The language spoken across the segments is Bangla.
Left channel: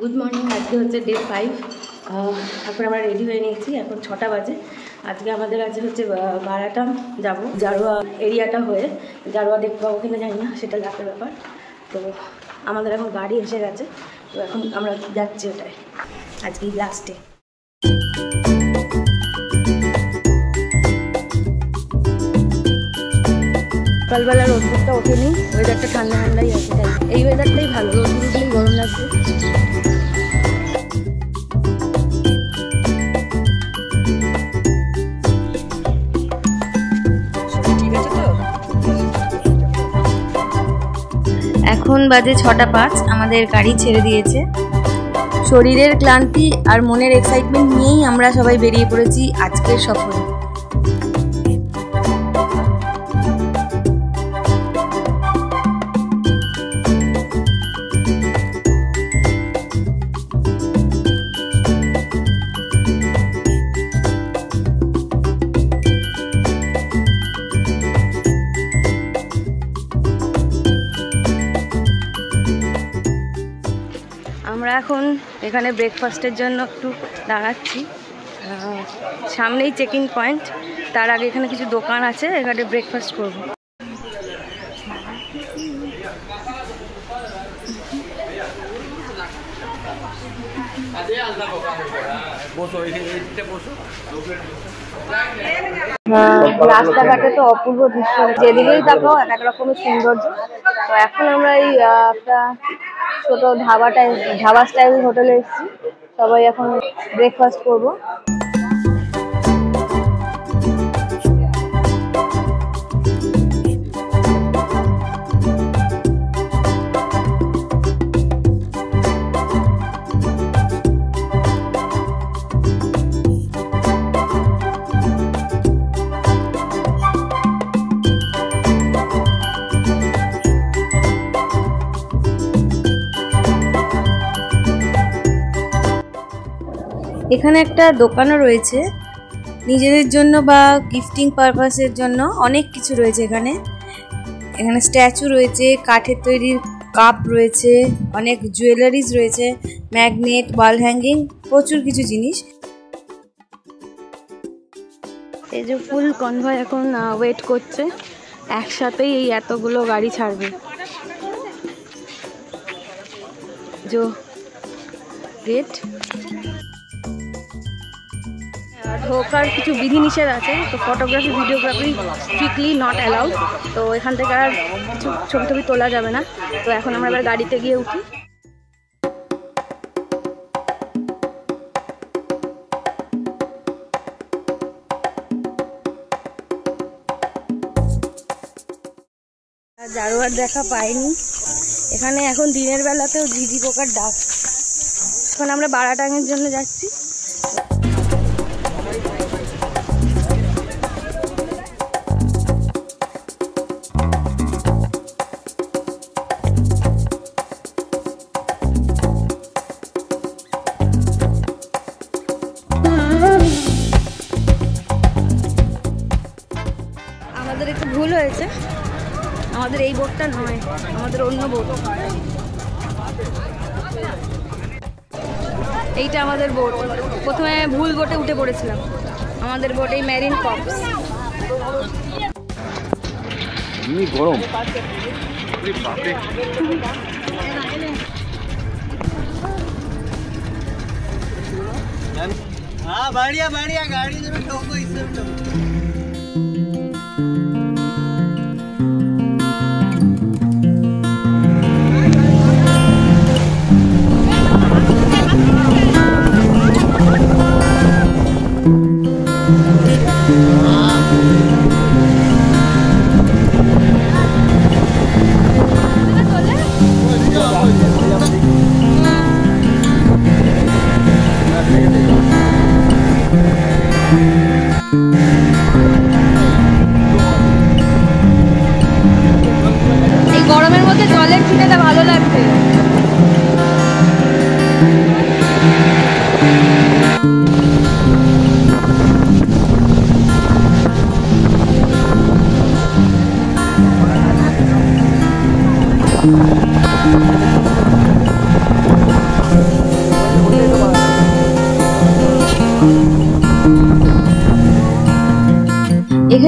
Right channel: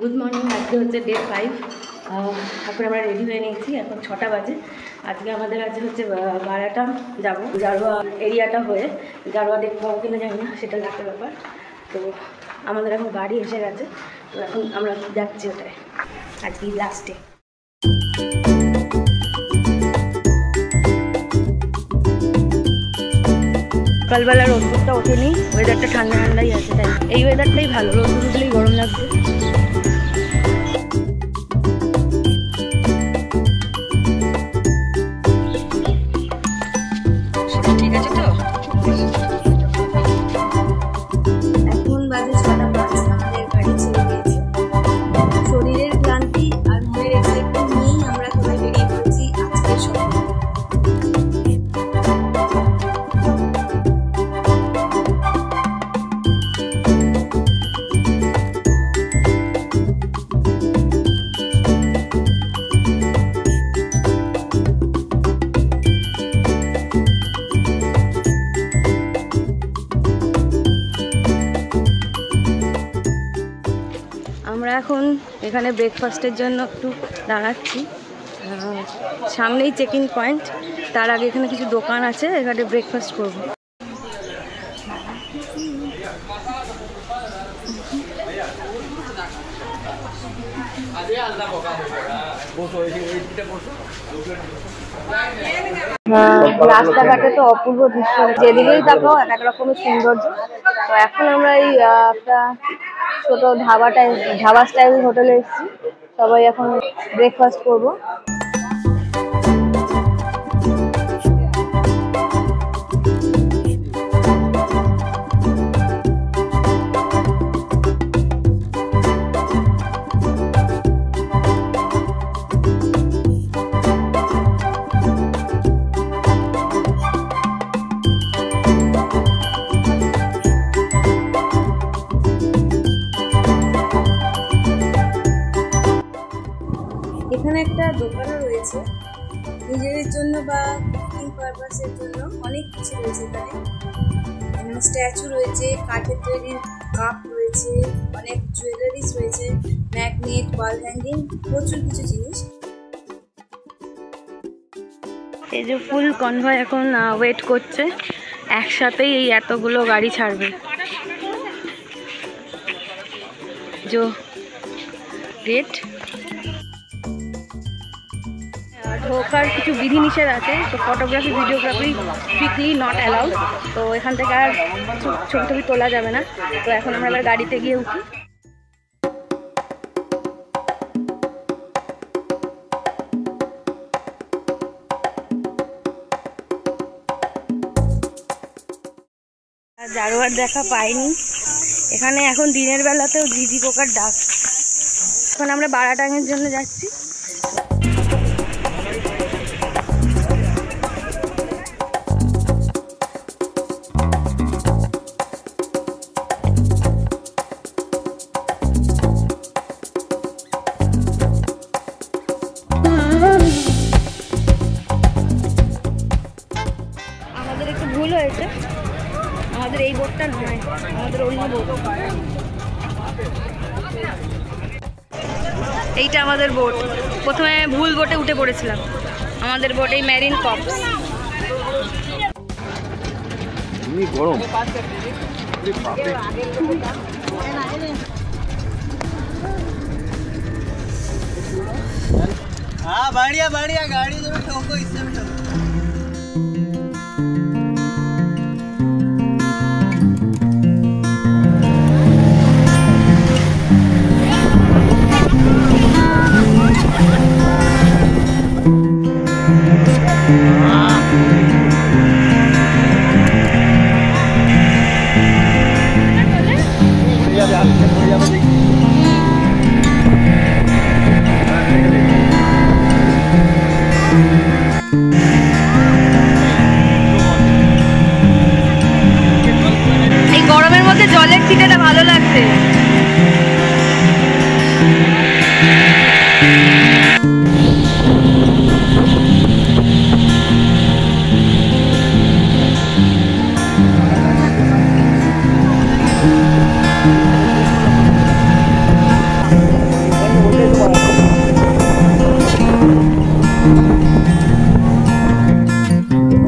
Good morning. আজকে হচ্ছে ডে 5। এখন আমরা রেডি হয়ে নিয়েছি, এখন 6টা বাজে। আজকে আমাদের হচ্ছে বারাটা যাব, জারোয়া এরিয়াটা হয়ে। জারোয়া দেখতে পাবো কিনা জানি না, সেটা লাখের ব্যাপার। তো আমাদের এখন গাড়ি এসে গেছে, তো এখন আমরা যাচ্ছি ওটায়। আজকেই লাস্ট ডে। সকালবেলা রোদ্দুরটা ওঠেনি, ওয়েদারটা ঠান্ডা ঠান্ডাই আছে, তাই এই ওয়েদারটাই ভালো। রোদ্দুর উঠলেই গরম লাগছে। ঠিক আছে তো। এখন বাজে 6টা 5, আমাদের গাড়ি ছেড়ে দিয়েছে। শরীরের ক্লান্তি আর মনের এক্সাইটমেন্ট নিয়েই আমরা সবাই বেরিয়ে পড়েছি আজকের সফরে। আমরা এখন এখানে ব্রেকফাস্টের জন্য একটু দাঁড়াচ্ছি। সামনেই চেকিং পয়েন্ট, তার আগে এখানে কিছু দোকান আছে, এখানে ব্রেকফাস্ট করব। রাস্তাঘাটে তো অপূর্ব দৃশ্য, যেদিকেই দেখো এক এক রকমের সৌন্দর্য। তো এখন আমরা এই একটা ছোট ধাবা স্টাইল হোটেলে এসেছি, সবাই এখন ব্রেকফাস্ট করবো। এখানে একটা দোকানও রয়েছে নিজেদের জন্য বা গিফটিং পারপাসের জন্য, অনেক কিছু রয়েছে এখানে। এখানে স্ট্যাচু রয়েছে, কাঠের তৈরি কাপ রয়েছে, অনেক জুয়েলারিজ রয়েছে, ম্যাগনেট, ওয়াল হ্যাঙ্গিং, প্রচুর কিছু জিনিস। এই যে ফুল কনভয় এখন ওয়েট করছে, একসাথেই এই এতগুলো গাড়ি ছাড়বে। যে গেট ঢোকার কিছু বিধিনিষেধ আছে, তো photography videography strictly not allowed. তো এখান থেকে আর ছবি টবি তোলা যাবে না। তো এখন আমরা এবার গাড়িতে গিয়ে উঠি। জারোয়ার দেখা পাইনি এখানে। এখন দিনের বেলাতেও ঝিঝি পোকার ডাক। এখন আমরা বারাটাঙের জন্য যাচ্ছি। আমাদের একটু ভুল হয়েছে, আমাদের এই বোটটা নয়, আমাদের অন্য বোট। এইটা আমাদের বোট। প্রথমে ভুল বোটে উঠে পড়েছিলাম। আমাদের বোট এই মেরিন কপস। গরম हाँ बढ़िया बढ़िया, गाड़ी जो ठोको इससे भी ठोको। গরমের মধ্যে জলের ছিটাটা ভালো লাগছে।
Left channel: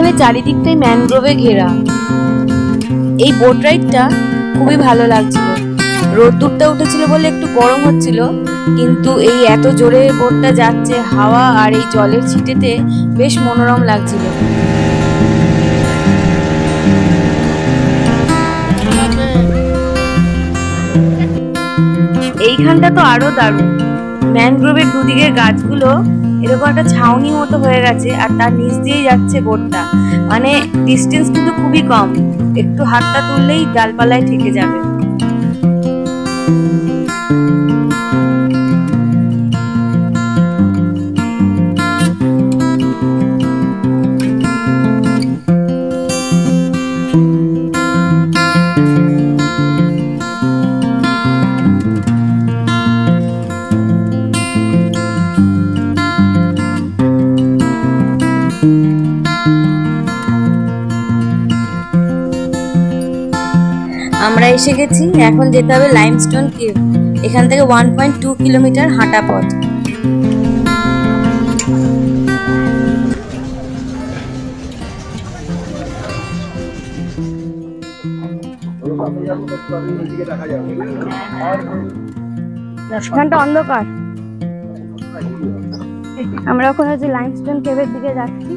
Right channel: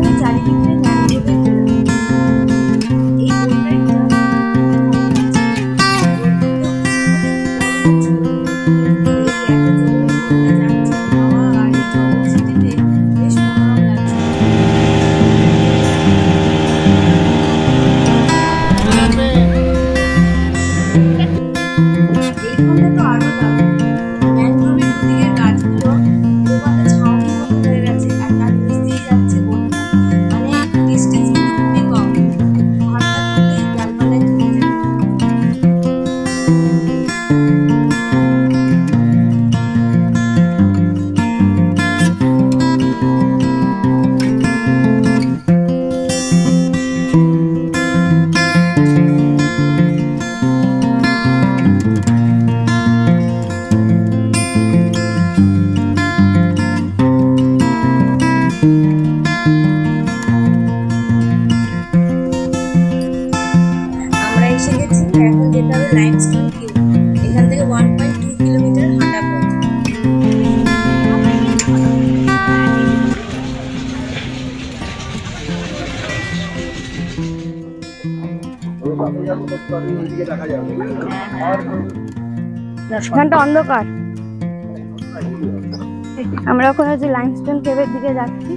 এখানে চারিদিকটাই ম্যানগ্রোভে ঘেরা। এই বোট রাইডটা খুবই ভালো লাগছিল। রোদ্দুরটা উঠেছিল বলে একটু গরম হচ্ছিল, কিন্তু এই এত জোরে বোটটা যাচ্ছে, হাওয়া আর এই জলের ছিটেতে বেশ মনোরম লাগছিল। এইখানটা তো আরো দারুণ। ম্যানগ্রোভের দুদিকের গাছগুলো এরকম একটা ছাউনি মতো হয়ে গেছে, আর তার নিচ দিয়েই যাচ্ছে বোটটা। মানে ডিস্টেন্স কিন্তু খুবই কম, একটু হাতটা তুললেই ডালপালায় ঠেকে যাবে। আমরা এসে গেছি, এখন যেতে হবে লাইমস্টোন কেভ। এখান থেকে 1.2 কিলোমিটার হাঁটা পথ। এখানটা অন্ধকার। আমরা এখন হচ্ছে লাইমস্টোন কেভের দিকে যাচ্ছি।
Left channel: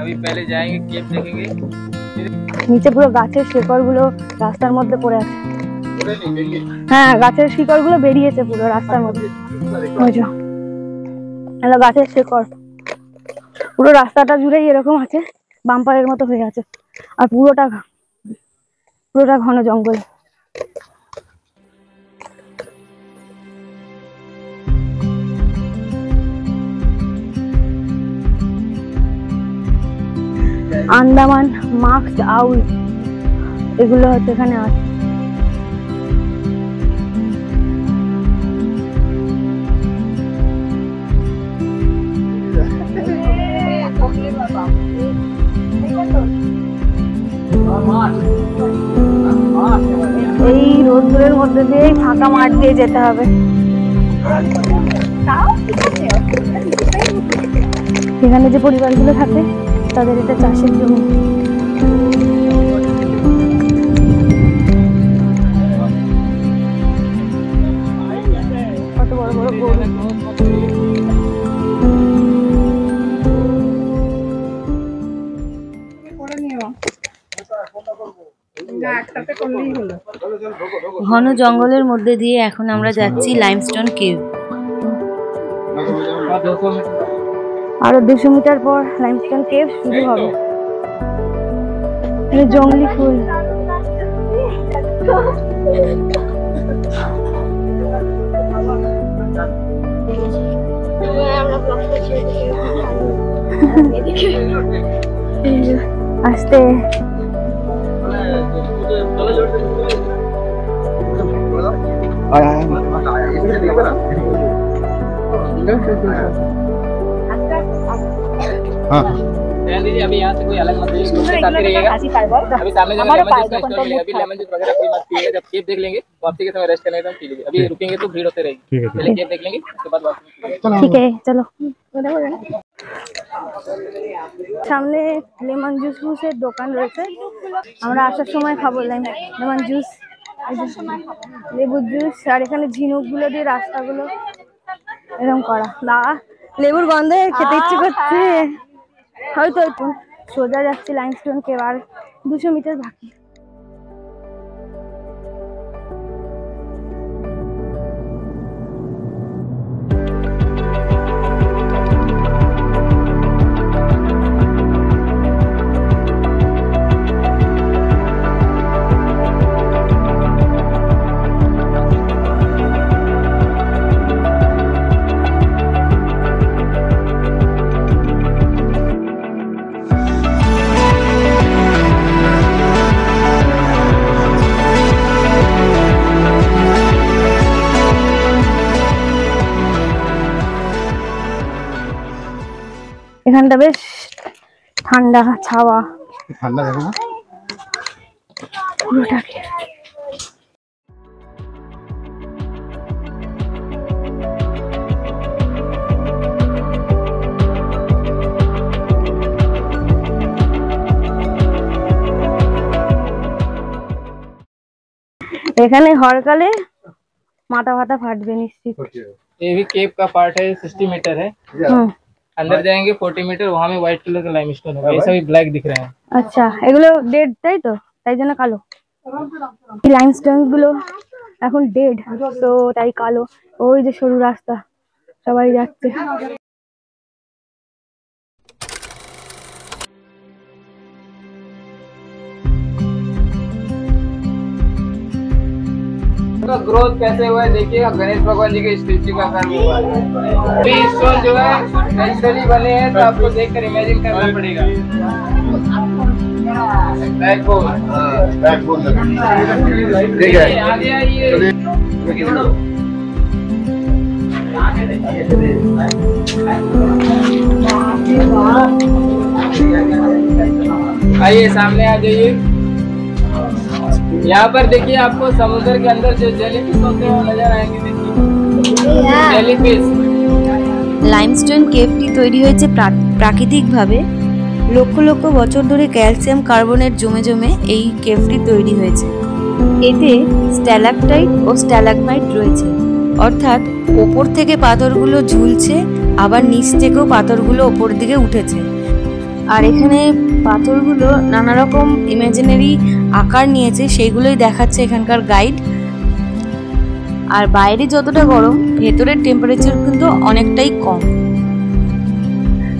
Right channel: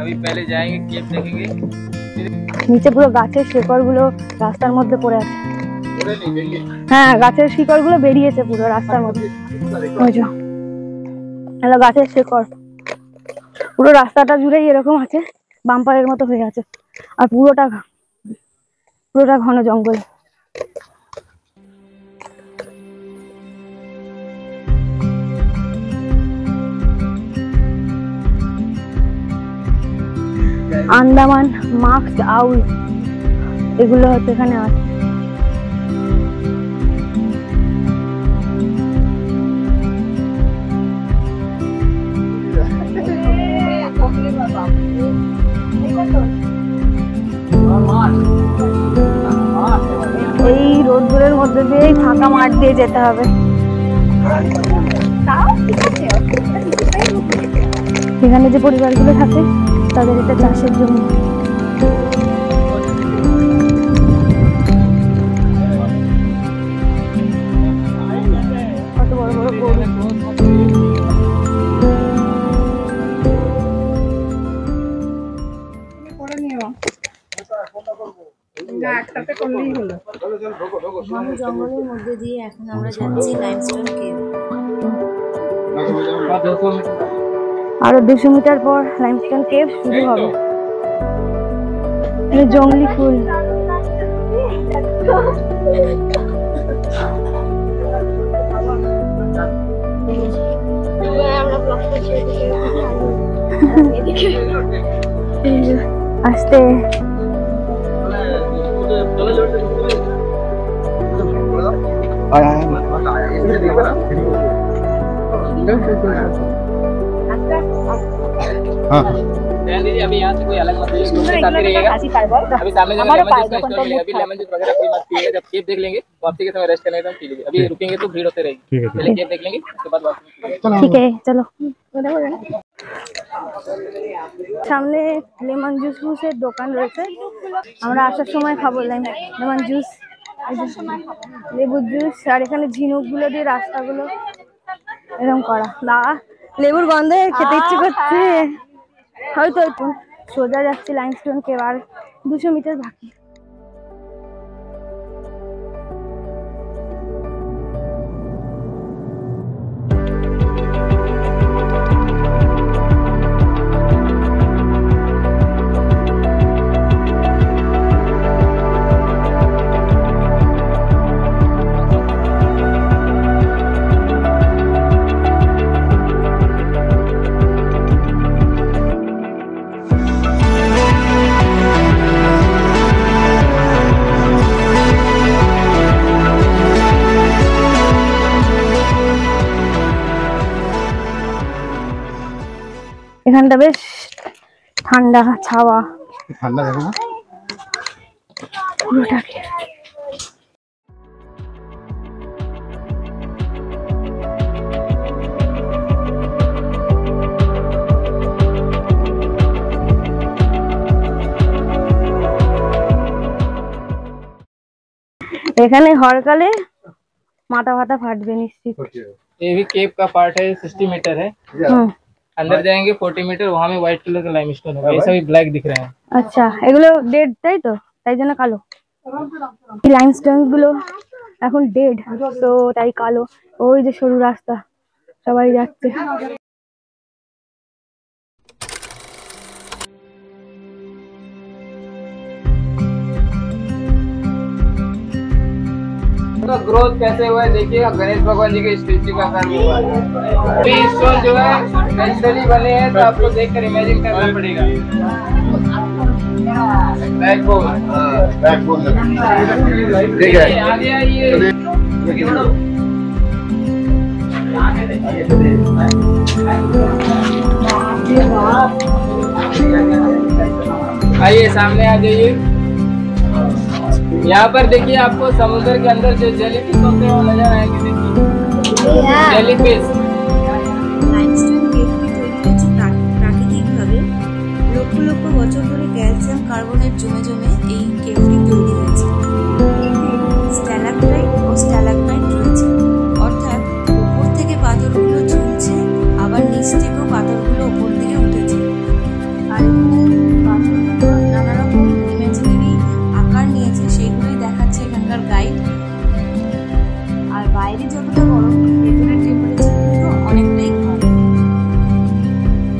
अभी पहले जाएंगे केव देखेंगे। নিচে পুরো গাছের শিকড়গুলো রাস্তার মধ্যে পড়ে আছে। হ্যাঁ, গাছের শিকড়গুলো বেরিয়েছে পুরো রাস্তার মধ্যে। ওই যে হ্যালো, গাছের শিকড় পুরো রাস্তাটা জুড়েই এরকম আছে, বাম্পারের মতো হয়ে আছে। আর পুরোটা ঘন জঙ্গল। আন্দামান মাস্কড আউল এগুলো হচ্ছে এখানে আছে। এই রোদ্দুরের মধ্যে দিয়ে ফাঁকা মাঠ দিয়ে যেতে হবে। এখানে যে পরিবারগুলো থাকে তাদের এটা চাষের জমি। কত বড় বড় গরু। ঘন জঙ্গলের মধ্যে দিয়ে এখন আমরা যাচ্ছি লাইমস্টোন কেভ। আরো 200 মিটার পর লাইমস্টোন কেভ শুরু হবে। জঙ্গলি ফুল। আস্তে अभी यहाँ से कोई अलग मत आते रहिएगा। अभी सामने अभी लेमन जूस वगैरह कोई मत पिएगा। जब केव देख लेंगे वापसी के समय रेस्ट करने का पी लीजिए। अभी रुकेंगे तो भीड़ होते रहेगी। पहले केव देख लेंगे, उसके बाद वापसी। ठीक है, चलो। সামনে লেমন জুসের দোকান রয়েছে, আমরা আসার সময় খাবো লেমন জুস, লেবুর জুস। আর এখানে ঝিনুকগুলো দিয়ে রাস্তাগুলো এরকম করা। না, লেবুর গন্ধে খেতে ইচ্ছে করছে। হয়তো সোজা যাচ্ছি লাইমস্টোন কেভ, আর 200 মিটার বাকি। এখানটা বেশ ঠান্ডা ছাওয়া, ঠান্ডা দেখো না পুরোটাকে। এখানে হরকালে মাথা ফাটা ফাটবে নিশ্চিত। ये भी केव का पार्ट है, 60 मीटर है। अंदर जाएंगे 40 मीटर, वहाँ में व्हाइट कलर का लाइमस्टोन होगा। ये सभी ब्लैक दिख रहे हैं। আচ্ছা, এগুলো ডেড তাই তো, তাই জন্য কালো। এই লাইমস্টোন গুলো এখন ডেড, তো তাই কালো। ওই যে সরু রাস্তা, সবাই যাচ্ছে। तो ग्रोथ कैसे हुआ है देखिएगा, गणेश भगवान जी के स्टेचू का काम हुआ है। अभी स्टोन जो है नेचुरली बने हैं, तो आपको देखकर इमेजिन करना पड़ेगा। बैकबोन ठीक है, आगे आइए। आइए सामने आ जाइए। यहाँ पर देखिए आपको समुद्र के अंदर जो जेलीफिश होते हैं वो नजर आएंगे। देखिए जेलीफिश। লাইমস্টোন কেভটি তৈরি হয়েছে প্রাকৃতিকভাবে। লক্ষ লক্ষ বছর ধরে ক্যালসিয়াম কার্বনেট জমে জমে এই কেভটি তৈরি হয়েছে। এতে স্ট্যালাকটাইট ও স্ট্যালাগমাইট রয়েছে, অর্থাৎ ওপর থেকে পাথরগুলো ঝুলছে, আবার নিচ থেকেও পাথরগুলো ওপর দিকে উঠেছে। আর এখানে পাথরগুলো নানা রকম ইমাজিনারি আকার নিয়েছে, সেইগুলোই দেখাচ্ছে এখানকার গাইড। আর বাইরে যতটা গরম, ভেতরের টেম্পারেচার কিন্তু অনেকটাই কম।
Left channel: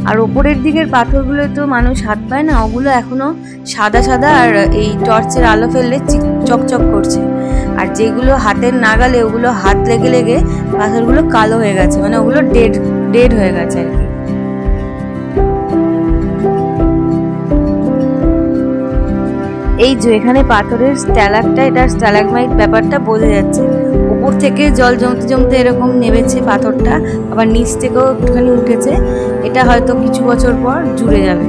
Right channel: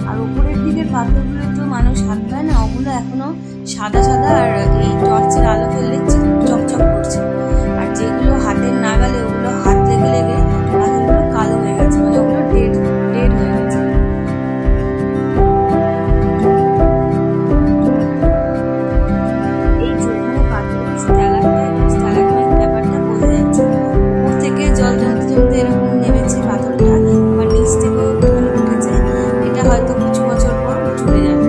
আর ওপরের দিকের পাথরগুলো তো মানুষ হাত পায় না, ওগুলো এখনো সাদা সাদা আর এই টর্চের আলো ফেললে চকচক করছে। আর যেগুলো হাতের নাগালে, ওগুলো হাত লেগে লেগে পাথরগুলো কালো হয়ে গেছে, মানে ওগুলো ডেড হয়ে গেছে আর কি। এই যে এখানে পাথরের স্ট্যালাকটাইট আর স্ট্যালাগমাইট ব্যাপারটা বোঝা যাচ্ছে। উপর থেকে জল জমতে জমতে এরকম নেমেছে পাথরটা, আবার নিচ থেকেও একটুখানি উঠেছে। এটা হয়তো কিছু বছর পর জুড়ে যাবে।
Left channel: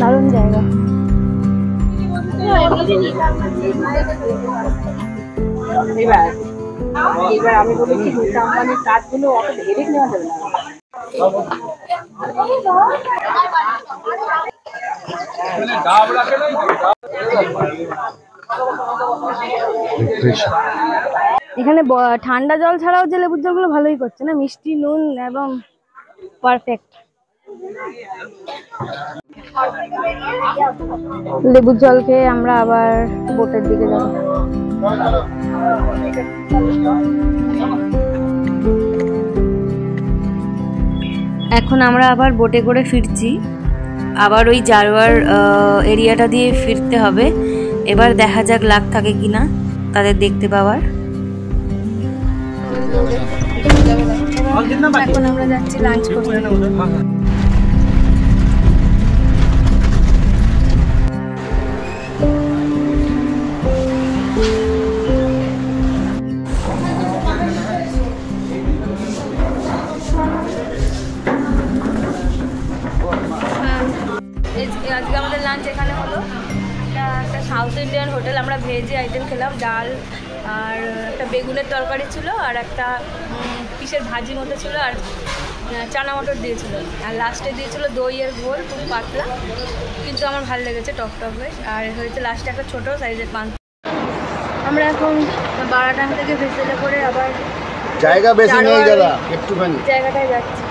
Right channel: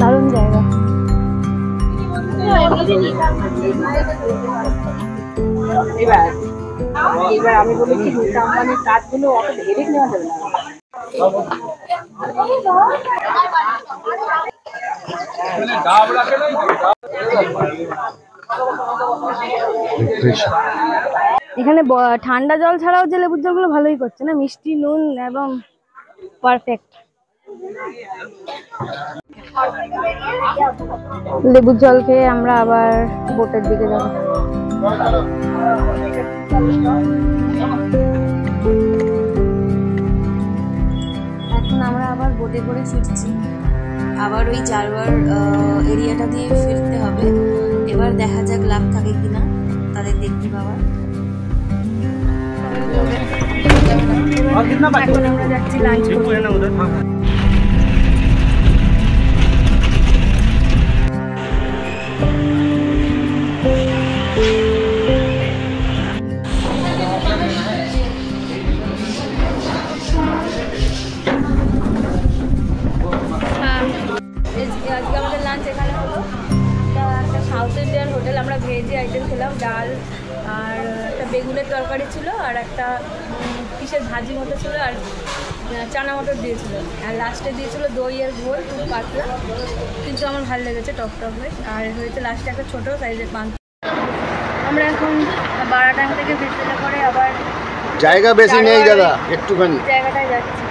দারুণ জায়গা। এবার আমি বলেছি কোম্পানির কাজগুলো অত হেডেক নেওয়া যাবে না। এখানে ঠান্ডা জল ছাড়াও যে লেবুর জলগুলো ভালোই করছে না, মিষ্টি, নুন এবং পারফেক্ট। লেবুর জল খেয়ে আমরা আবার বোটের দিকে যাব। এখন আমরা আবার বোটে করে ফিরছি, আবার ওই জারোয়ার এরিয়াটা দিয়ে ফিরতে হবে। এবার দেখা যাক লাক থাকে কিনা তাদের দেখতে পাওয়ার। এখন আমরা যাচ্ছি লাঞ্চ করতে। আজকে আমাদের লাঞ্চ এখানে হলো। এটা একটা সাউথ ইন্ডিয়ান হোটেল। আমরা ভেজ আইটেম খেলাম, ডাল আর একটা বেগুনের তরকারি ছিল, আর একটা কিসের ভাজি মতো ছিল, আর চানা মটর দিয়েছিল, আর লাস্টে দিয়েছিল দইয়ের ঘোল, খুব পাতলা, কিন্তু আমার ভালো লেগেছে, টক টক হয়ে। আর হয়েছে লাস্টে একটা ছোটো সাইজের পান। আমরা এখন বারাটাং থেকে ভেসেলে করে আবার জায়গা বেশি নেই দাদা, একটুখানি জায়গাটায় যাচ্ছি।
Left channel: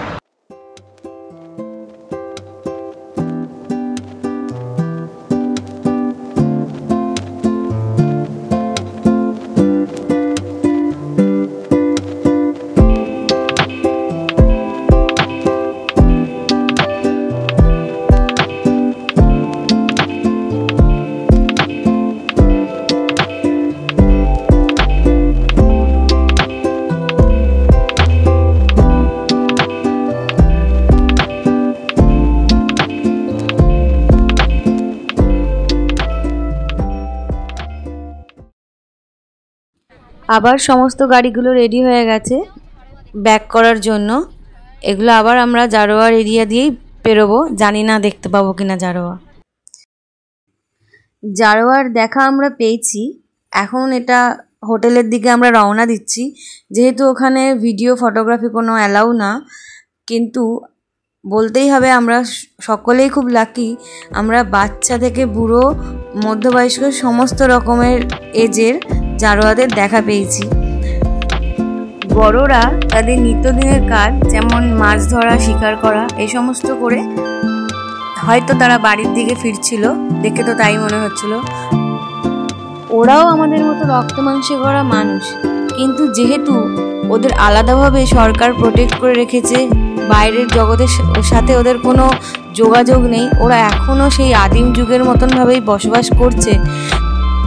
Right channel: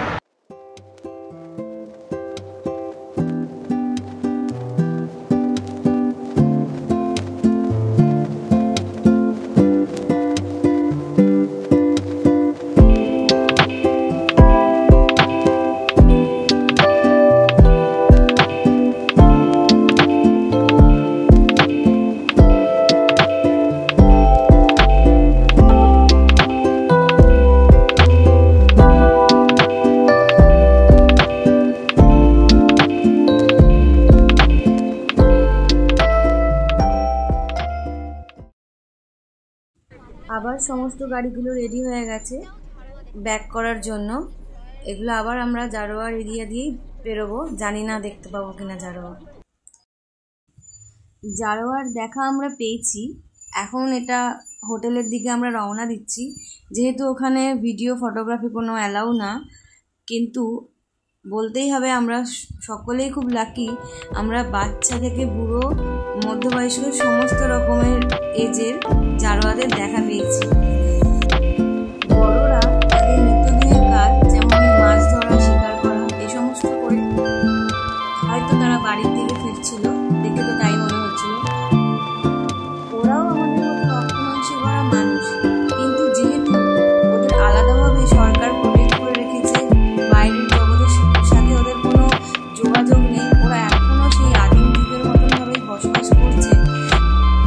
আবার সমস্ত গাড়িগুলো রেডি হয়ে গেছে ব্যাক করার জন্য। এগুলো আবার আমরা জারোয়ার এরিয়া দিয়েই পেরোবো, জানি না দেখতে পাবো কিনা জারোয়ার দেখা আমরা পেয়েছি। এখন এটা হোটেলের দিকে আমরা রওনা দিচ্ছি। যেহেতু ওখানে ভিডিও ফটোগ্রাফি কোনো অ্যালাউ না, কিন্তু বলতেই হবে আমরা সকলেই খুব লাকি, আমরা বাচ্চা থেকে বুড়ো মধ্যবয়স্ক সমস্ত রকমের এজের জারোয়াদের দেখা পেয়েছি। বড়রা তাদের নিত্যদিনের কাজ যেমন মাছ ধরা, শিকার করা এই সমস্ত করে হয়তো তারা বাড়ির দিকে ফিরছিল, দেখে তো তাই মনে হচ্ছিল। ওরাও আমাদের মতো রক্ত মাংসে গড়া মানুষ, কিন্তু যেহেতু ওদের আলাদাভাবে সরকার প্রোটেক্ট করে রেখেছে, বাইরের জগতের সাথে ওদের কোনো যোগাযোগ নেই, ওরা এখনও সেই আদিম যুগের মতনভাবেই বসবাস করছে,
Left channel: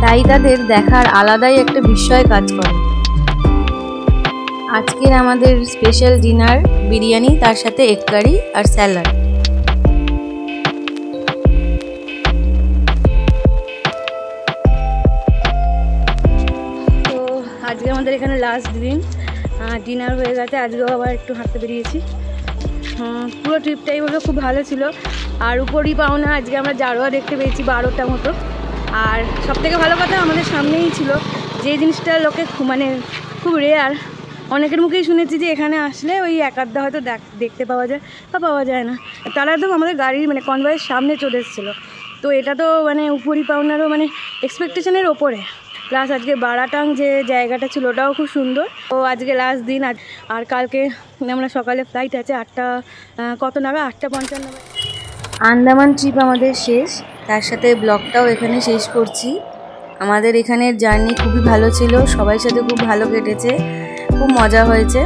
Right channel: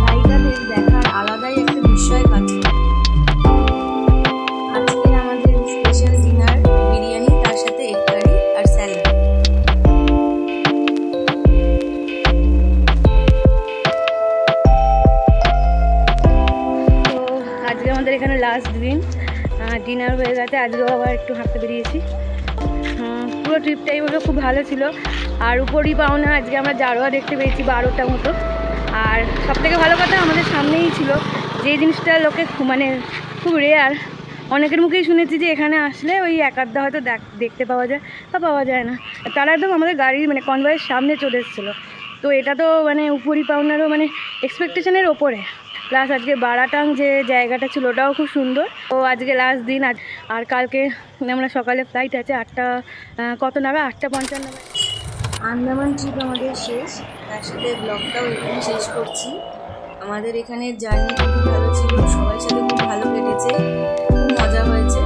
তাই তাদের দেখার আলাদাই একটা বিস্ময় কাজ করে। আজকের আমাদের স্পেশাল ডিনার বিরিয়ানি, তার সাথে এগ কারি আর স্যালাড। তো আজকে আমাদের এখানে লাস্ট দিন, ডিনার হয়ে গেছে, আজকেও আবার একটু হাঁটতে বেরিয়েছি। পুরো ট্রিপটাই হলো খুব ভালো ছিল। আর উপরই পাওনা আজকে আমরা জারোয়া দেখতে পেয়েছি 12টা মতো। আর সবথেকে ভালো কথা আমাদের সামনেই ছিল, যে জিনিসটা লোকে মানে খুব রেয়ার, অনেকের মুখেই শুনেছি যে এখানে আসলে ওই এক আধটা হয়তো দেখতে পাওয়া যায় বা পাওয়া যায় না। তারা একদম আমাদের গাড়ির মানে কনভয়ের সামনে চলে এসেছিলো। তো এটা তো মানে উপরই পাওনারও মানে এক্সপেকটেশনের ওপরে। প্লাস আজকে বারাটাং যে জায়গাটা ছিল ওটাও খুব সুন্দর। তো আজকে লাস্ট দিন, আর কালকে আমরা সকালে ফ্লাইট আছে 8টা কত নাগাদ, 8:55 নাগাদ। আন্দামান ট্রিপ আমাদের শেষ, তার সাথে ব্লগটাও এখানে শেষ করছি। আমাদের এখানের জার্নি খুবই ভালো ছিল, সবার সাথে খুব ভালো কেটেছে, খুব মজা হয়েছে।